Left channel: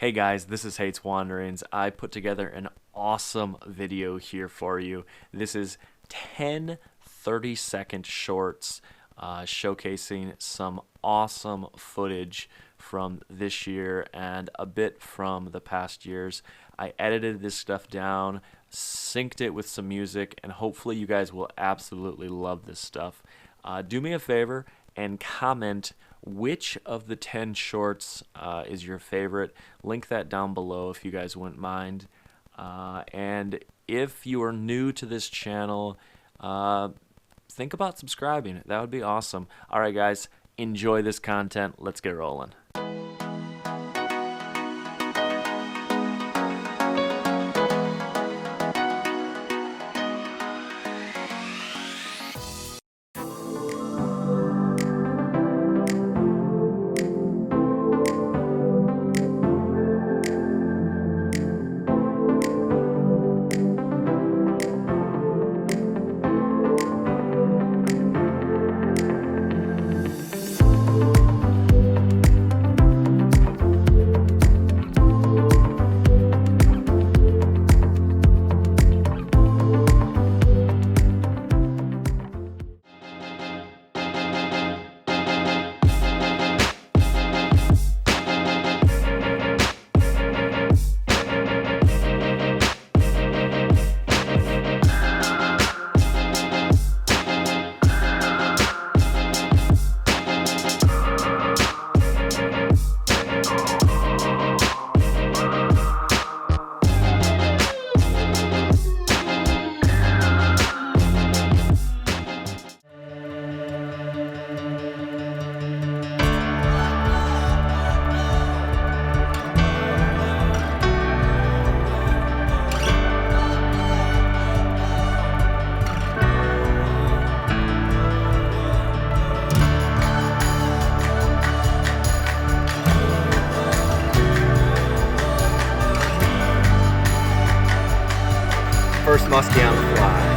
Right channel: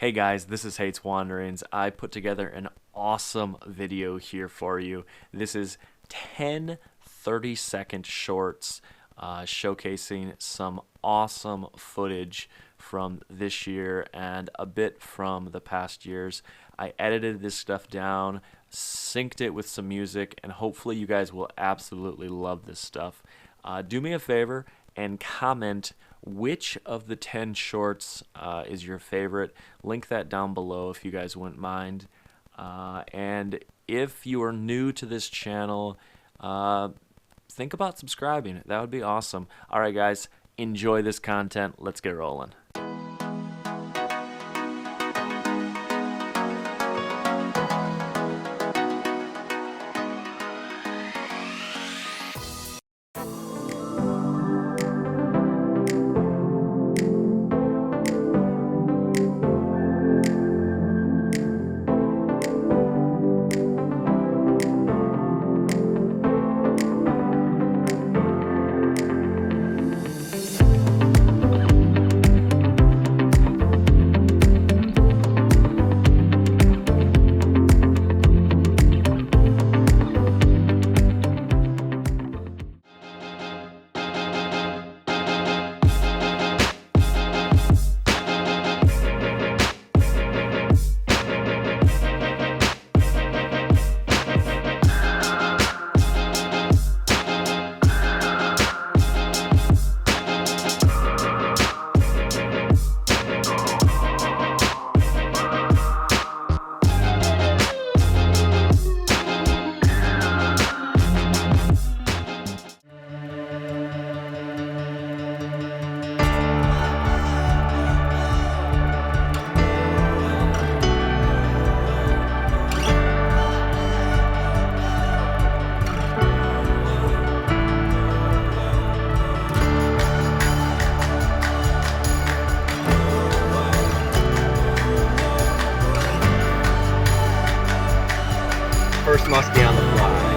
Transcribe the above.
Hey guys, this is Haight's Wanderings. I put together an awesome video here for you. This is 10 30-second shorts showcasing some awesome footage from this year and a bit from the past years. I edited this stuff down, synced it with some music, and hopefully you guys will absolutely love this stuff. Do me a favor and comment which of the 10 shorts is your favorite. Link that down below if you guys wouldn't mind. And if you are new to this channel, think about subscribing. That would be awesome. All right, guys, enjoy this content. Let's get rolling. First muskie on the fly.